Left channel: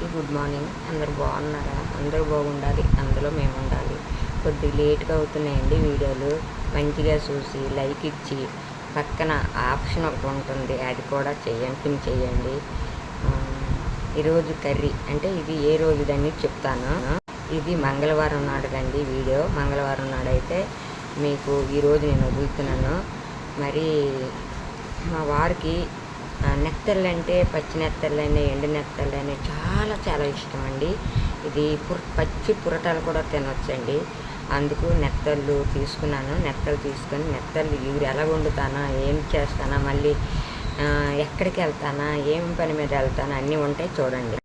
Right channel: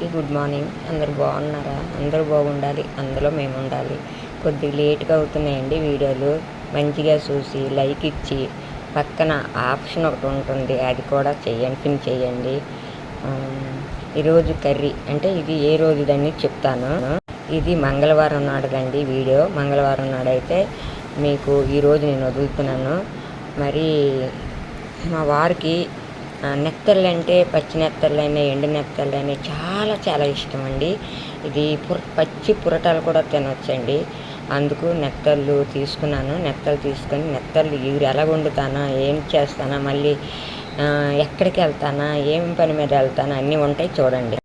అందరికీ good morning. అందరూ బాగున్నారా? అందరూ బాగుండాలి, అందులో మేము ఉండాలి. కొద్దిగా లేట్గా అవుతున్నాయండి వీడియోలు. మంచిగా చూసి లైక్ ఇచ్చి పక్కన ఆప్షన్ ఒకటి ఉంటుంది, అది కూడా చేయండి. ఈరోజు కర్రీ అంటే ఇది ఏ రోజు దాన్ని చెప్తాను. ఇది మంగళవారం నాడుదండి వీడియో. మంగళవారం నాడైతే మీకు ఈరోజు నేను వదులుతున్నాను. మరి మా వారికి నెత్తళ్ళు అంటే పచ్చి నెత్తళ్ళైనా ఎండు నెత్తళ్ళైనా చాలా చాలా ఇష్టం అండి. ఇది పచ్చి పురటాలు కూడా తినవచ్చండి. అందుకు నెత్తళ్ళు తీసుకున్నాను. నెత్తళ్ళు తీసుకొని నెత్తళ్ళు ఇగురు ఎలా వండుతానా, ఏం చేస్తానా, మళ్ళీ ఎక్కడికి వెళ్తానా, ఏం పని మీద వెళ్తానా అన్నీ ఉంటాయి చూడండి.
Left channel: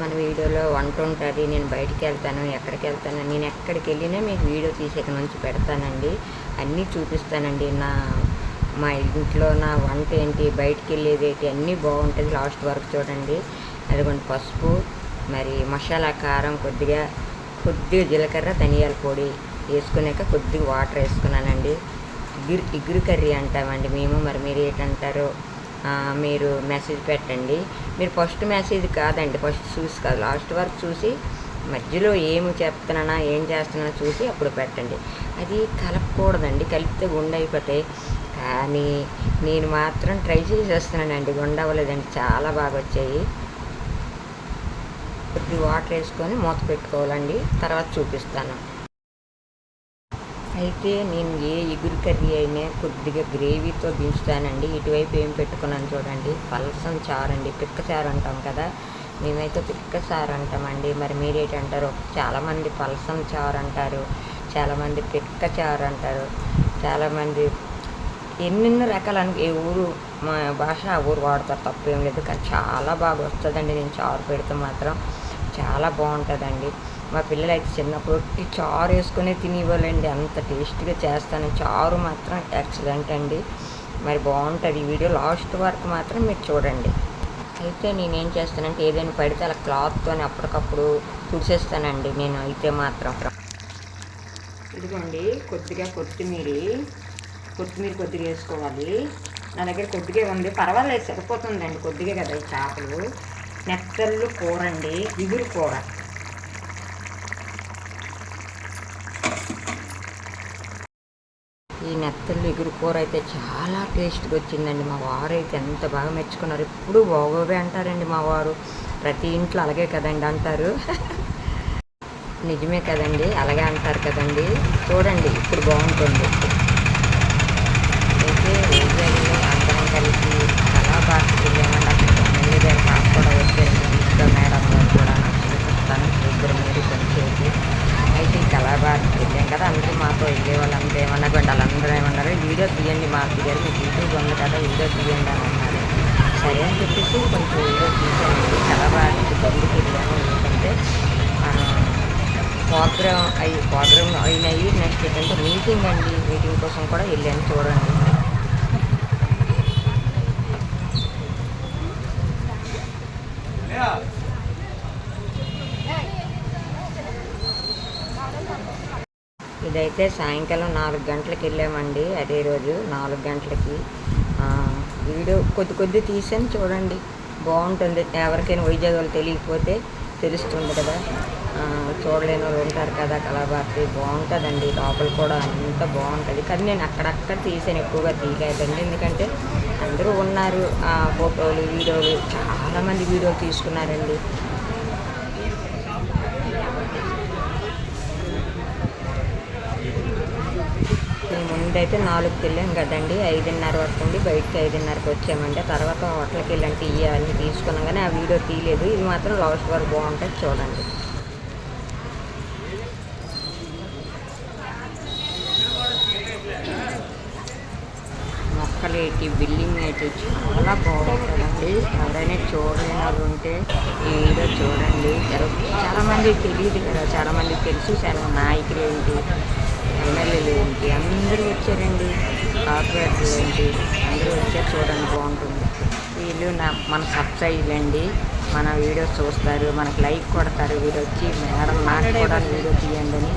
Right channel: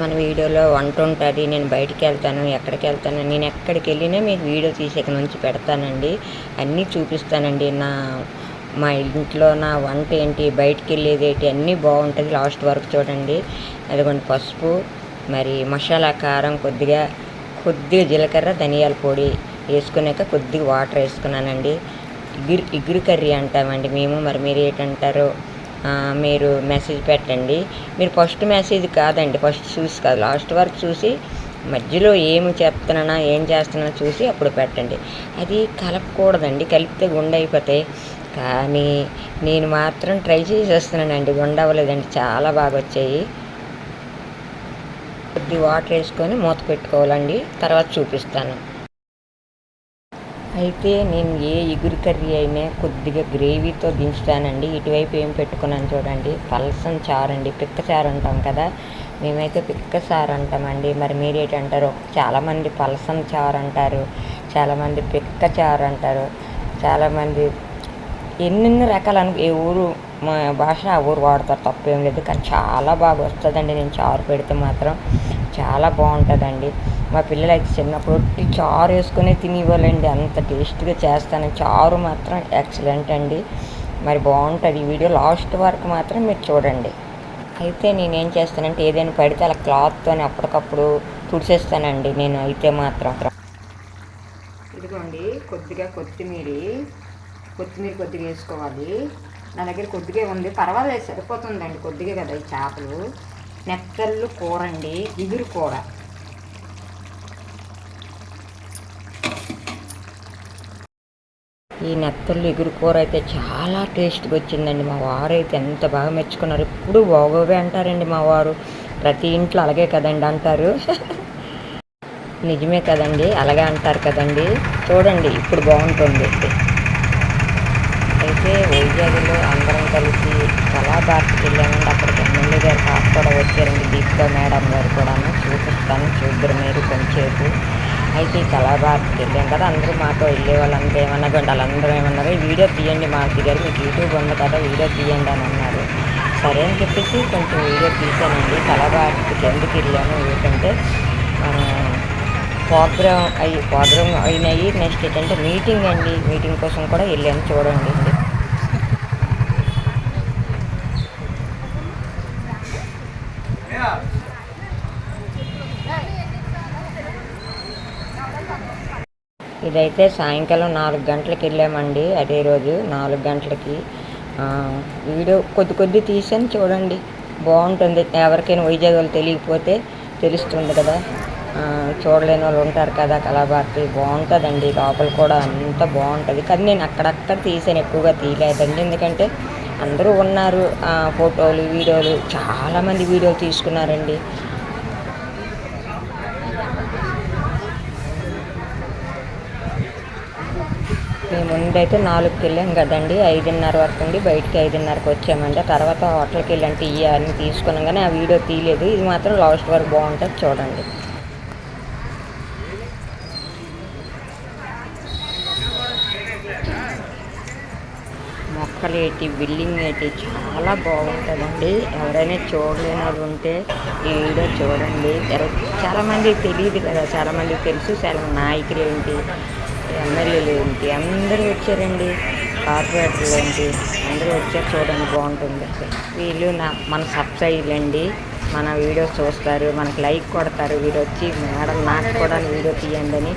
మన వీడియోలో వంట ఉంటుంది, నేను బయటికి వెళ్తాను, ఎక్కడికి వెళ్తాను, నేను ఎక్కడికి వెళ్ళినా మీకు వీడియో తీసేక నుంచి పెడతానండి. అన్నీ చూపిస్తానండి. మా ఇంట్లో నా వంట ఏంటి, బయటికి వెళ్ళేది ఏంటి అన్నీ బాగుంటుంది. లాస్ట్ వరకు చూడండి. అదిగోండి పసుపు, మరి మసాలా కారం, కొద్దిగా జీలకర్ర, ధనియాల పొడి వేసుకున్నాక కొద్దిగా వాటర్ వేసుకున్నానండి. ఇగురు కర్రీ అంటామండి మేము. మరి మీరు ఏంటంటారో మీరు మెసేజ్ పెట్టండి. మీరు ఫస్ట్ మెసేజ్ కాదండి, ఫస్ట్ చూసి కాదు, లాస్ట్ వరకు చూసి మధ్యలో ఏమి చెప్తున్నానా ఏం చేస్తున్నానో చూసి అప్పుడు పెట్టండి. అది కలపకూడదండి, కలిపితే గుండె అయిపోతాయి. కానీ నేను మాత్రం ట్రై చేసేస్తున్నానండి, గుండె అవ్వలేదండి, చాలా బాగా వచ్చాయి. కొద్ది వాటర్ వేసుకొని మూత పెట్టుకోవాలండి, తర్వాత చూపిస్తాను. అయితే నేను ఏ ఇగురు కర్రీ అయినా కొద్దిగా గ్రేవీతో దించుతానండి. ఇటువైపు ఏం పెట్టుకున్నాను చూడండి, పలసం చారు అండి, పిక్క చారు అంటాం కదా, మేమైతే పిక్క చారు అంటామండి. మరి మీరేంటారు? చాలామంది పలసం చారు అంటారు, చాలామంది పిక్క చారు అంటారు, చాలామంది ఎన్నెన్నో రకాలు ఏ ఊరు మా భాష ఆ ఊరు వాడతారు, తప్పేం లేదు. కానీ చాలా బాగా వస్తుందండి. నేను చారు పెడితే మాత్రం చాలా బాగుంటుందండి. మా పిల్లలు అయితే చిన్నప్పుడు చారు వేసుకునే తినివ్వాలండి, అంత టేస్ట్గా చేస్తాను. చారు మాత్రం ఎక్సలెంట్ అండి. మరి బాగుంటుంది. ఈ వీడియో లాస్ట్ వరకు మాత్రం మీరు చూడండి. అయితే నేనేం చేస్తానంటే ఏదైనా పడితే అలా క్లాత్తో అప్పటికప్పుడు తుడిచేస్తానండి నేను. అయితే మాత్రం ఇదిగోండి కొద్దిగా కొత్తిమీర కొద్దిగా వేసుకోవాలి. నా దగ్గర కొద్దిగా ఉంది, పర్వాలేదు, సరిపోతుందండి. కొద్దిగా కదా ఈ చేపలు. నెత్తళ్ళు కూర అండి, ఇగురు కూర. ఈ నెత్తళ్ళు ఇగురు కూర అయితే చాలా టేస్ట్గా వచ్చిందండి. మా వారు అయితే ఎంత బాగా మెచ్చుకున్నారు. ఎప్పుడు బాగోవే అంటారండి మా వారు. ప్రతి ఇంట్లో అలాగే కదండి అంటారు. నిజమే కదండి, అలాగే అంటారు కదండి. చూడండి ఇప్పుడు బాగుంటుంది. అయితే వైజాగ్లో అందరం కలిసి కళాభారతికి వెళ్ళామండి. అక్కడికి ఎమ్మెల్యే గారు పాప కూడా వచ్చారండి, దీపికా మేడం గారు కూడా. చూపిస్తాను, చూద్దరు మీరు కొంచెంసేపు. అయితే ఈ కళాభారతికి వెళ్ళాం కదా, అందరూ మాతో వెళ్ళే వాళ్ళంతా ఏమన్నా వాళ్ళందరూ ఏమన్నారు, వీడియో తీయండి మాకు గారు, మీకు యూట్యూబ్ ఉంది కదా వీడియో తీయండి అని అన్నారు. సరే అని చెప్పేసి కొంచెం వీడియో తీసానండి. కళాభారతికి ఎందుకు వెళ్ళాము ఏంటంటే ప్రోగ్రామ్ అయినాయి. నెక్స్ట్ ఏంటంటే మీటింగ్ అండి, మీటింగ్ కోసం కూడా వెళ్ళాము. చూడండి. ఇదైతే సాయంకాలం 4 గంటలకు వెళ్ళామండి. అదే రోజు 4 గంటలకి వీడియో కొద్ది తీసాను చూడండి. బాగుంటుంది. ఎవరికైనా వైజాగ్ వాళ్ళు తెలియకపోతే తెలుస్తుంది కదా, చూడలేని వాళ్ళు ఉంటారు కదా. కళాభారతి బాగుంటుందండి, లోపల కూడా అంత బాగుంటుంది. కానీ నేను అక్కడక్కడ తీసాను, ఎక్కువగా తీయలేదండి. ఎందుకంటే అందరూ ఉన్నారు, ఫోటోలు వీడియోలు చాలామంది వీడియోలు తీసుకున్నారండి. మేము ముందైతే 4కి వెళ్ళాం కదండి, 5:30 వరకు ఉండి బయటికి 5:30కి వచ్చామండి. తర్వాత హోటల్కి వెళ్ళాను, తీయాలని తీసుకున్నాం కానీ ఆ వీడియో తీయలేదు. ఇది మాత్రం లాస్ట్ వరకు బాగుంటుంది, చూడండి. మొక్కలేటి బిల్డింగ్ అయితే చాలా బాగుంటుందండి. ఎవరైనా చూడలేని వాళ్ళు ఉంటే ఈ వీడియో చూడండి. చాలామందికి తెలియదు కదా, చాలామందికి తెలుసు. చాలా నాయకులు ఏంటి, ఎమ్మెల్యేలు ఏంటి అందరూ వచ్చారండి, కార్పొరేటర్లు ఏంటి అందరూ వచ్చారు. చూడండి బాగుంటుంది. వీళ్ళు మన సబ్స్క్రైబర్లు అండి, మన వీడియో చూస్తారు, మనకు లైక్ కొడతారు. వీడు వచ్చి మేడం నాకు కూడా వీడియో తీయండి అని,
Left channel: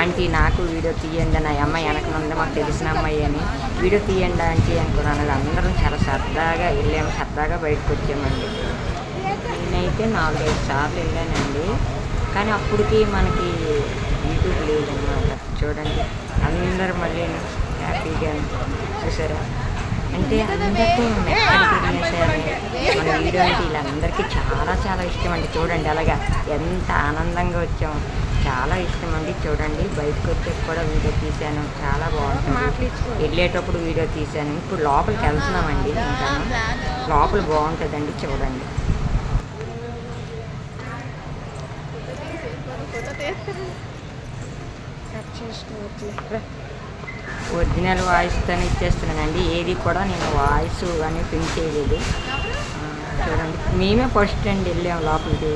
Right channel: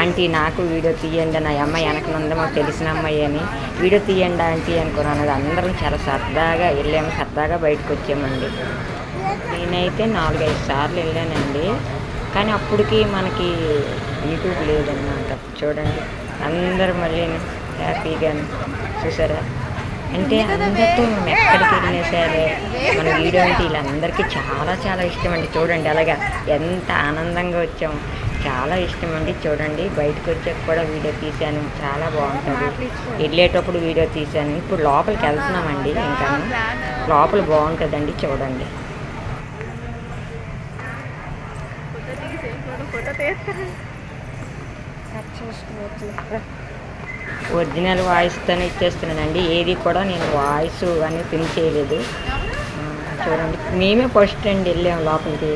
ఆంటీ నాకు వీడియో తీయండి అని, ఆ అమ్మాయి వెనకనుంది మాకు తెలిసిన అమ్మాయి అని, వీడియో తీయండి ఆంటీ అనుకున్నాను. అందరం చాలా సరదాగా వెళ్ళాము, సరదాగా బయటకు వచ్చామండి. నేను నేనైతే 4, 5 సార్లు వెళ్ళానండి. కానీ అప్పటికి మనకి యూట్యూబ్ లేదనమాట. చూడండి అందరు మళ్ళీ హ్యాపీగాను చూసారా. అంటే అందరితో మనం ఎక్కడికి వెళ్ళినా సరే మన వీడియో అంటే వీళ్ళందరికీ చాలా చాలా ఇష్టం అండి. చూడండి అలాగా ఎంత ఆనందంగా వచ్చాము, చాలా ఇష్టం అండి. చూడండి బయటకు వచ్చాక కూడా వీడియో తీశాను, చాలా బాగుంటుంది. వెళ్ళేటప్పుడు వీడియో తీశాను. ఇప్పుడు లోపలికి వెళ్తున్నామండి. ఇంకాను లోపల బాగుంటుందండి చూడండి. ఒరిజినల్ వాయిస్తోనే ఇచ్చేస్తున్నానండి. ఏది కూడా నేను వాయిస్ అని పిన్ చేయలేదు. చూడండి మేమే ఫస్ట్ అండి వెళ్ళాము లోపలికి.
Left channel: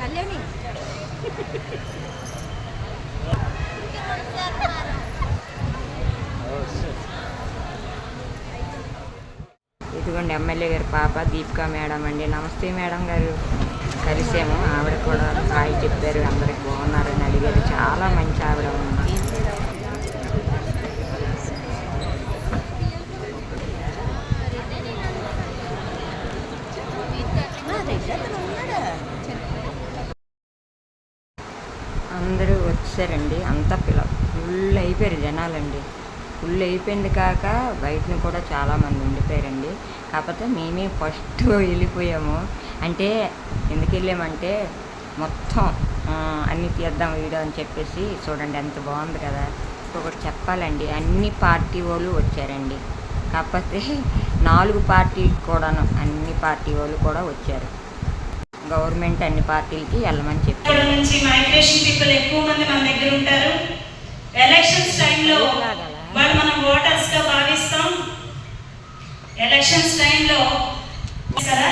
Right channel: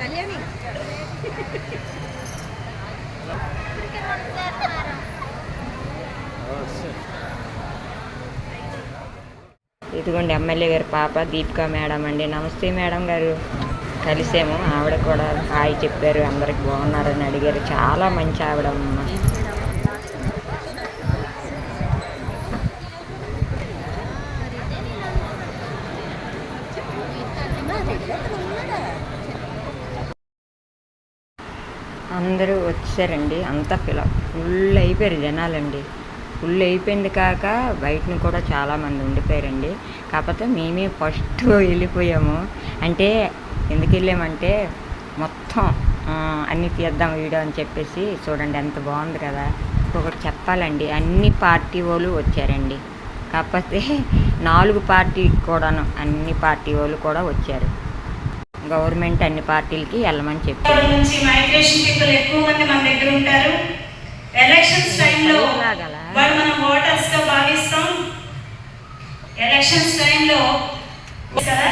కళ్యాణి ఇదిగోండి ఎమ్మెల్యే గారి పాప దీపికా మేడం అండి. నమస్తే మేడం గారు. కలిసాము. ఆవిడ కూడా హాయ్ చెప్పారు, అందరికి బాగున్నారని అడిగారు. చాలా మంచి ఆవిడ అమ్మ. అందరూ వచ్చారండి. అంతా ఫుల్ అయిపోయారు జనాలండి. ఫుల్ అయిపోయింది కాక బయటను కూడా చాలామంది ఉండిపోయారండి. కాకపోతే మేమే ఫస్ట్ వెళ్ళిపోయాము. అంటే ఎందుకు వెళ్ళామంటే మొత్తం అన్నీ తీద్దాం వీడియో అని చెప్పేసి. చూడండి ఎంత బాగుంది కదా. ఇంకొకటి చెప్పాలండి, అన్ని పార్టీ వాళ్ళు వచ్చారండి. కాకపోతే 4 పార్టీ కూడాను అన్ని పార్టీ వాళ్ళు కూడా వచ్చారు. గవర్నమెంట్ అన్ని పార్టీలకి వెళ్ళమని చెప్పారు. మైగ్రేషన్ పీపుల్ ఎక్కువ మంది మన దగ్గర ఉంటారు. ఎలక్షన్స్ టైంలో వాళ్ళు మనం ఓటర్స్ గా భావిస్తాం. ఎలక్షన్స్ టైంలో కదా,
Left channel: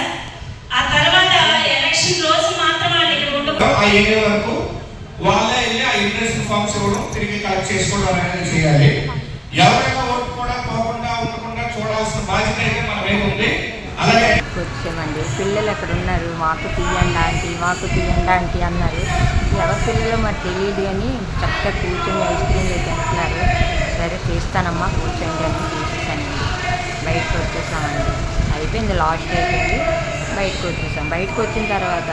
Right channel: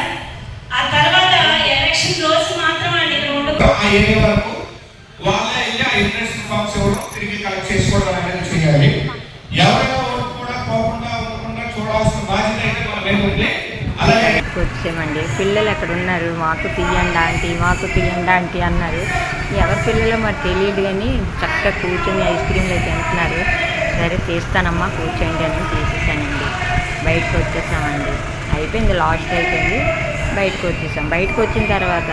ఆ తర్వాత ఎలక్షన్ రోజు మాత్రం వాళ్ళు ఇక్కడ ఉండదు. ఆ ఏరియా వరకు వాళ్ళే వెళ్ళి ఆ ఇన్వెస్ట్మెంట్ ఫండ్స్ తిరిగి కలెక్ట్ చేసుకోవడం అనేది చేయాలి. ఎవరైనా ఓటు కూడా పోకుండా ఉండకుండా చూడాల్సిన బాధ్యత అయితే మన మీద ఉంది. వచ్చామండి. పిల్లలు ఎక్కడ ఉన్నారు, మాకు తీయండి ఆంటీ, మాకు తీయండి ఆంటీ అన్నారు. ఎవరి పిల్లలు మరి తెలియదు కానీ చక్కగా కూర్చొని ఐస్ క్రీమ్లు తింటున్నారు. సరే తీస్తానమ్మా కూర్చోండి అని తీసేసానండి. బయటకు వచ్చేసామండి. అయిపోయింది, లాస్ట్ అయిపోయింది. బయటకు వచ్చేసాం. బయటకు వచ్చిన తర్వాత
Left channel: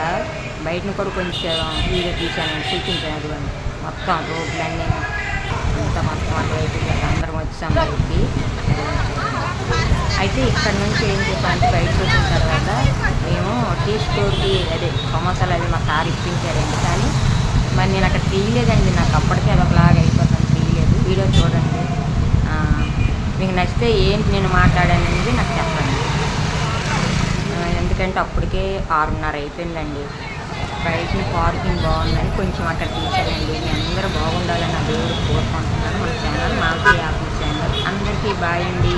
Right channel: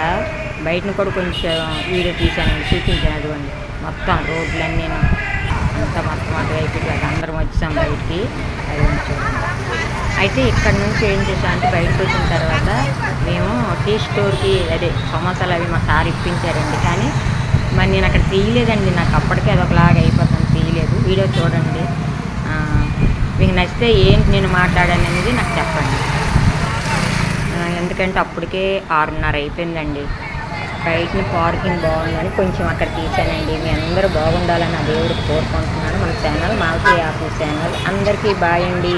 బయటను కూడా కొంచెం వీడియో తీసానండి, చూపించాను. అదిగోండి మొత్తం రోడ్లన్నీ అంతా మొత్తం అటువైపు అందరం వచ్చాం బయటికి. అది చూడండి. అయితే ఇక్కడ నుంచి ఏం చేసామంటే బయటకు వచ్చిన తర్వాత మేము టీ స్టోర్కి అదే సమోసాలు అవి మా సార్ ఇప్పించారండి. కానీ మరి నేను అక్కడ తీయలేదండి. నాకు అప్పటికే అదొకలాగా అయిపోతాను, తీయలేదు. వీడియో చూడండి. మీకు నచ్చితే ఏంటి నేను మాట్లాడాననేది నాకు చెప్పండి. ఎందుకంటే అప్పటికే 6:30 అయిపోయిందండి. బయటని పార్కింగ్ బాగుందని కొంచెం అక్కడ తీసానండి. మీ అందరూ బాగుండాలని ఆ దేవుడికి కోరుకుంటున్నాను. మన ఛానల్ మాల్తీ ఆఫీస్ ఛానల్. అందరికీ బాయ్ అండి.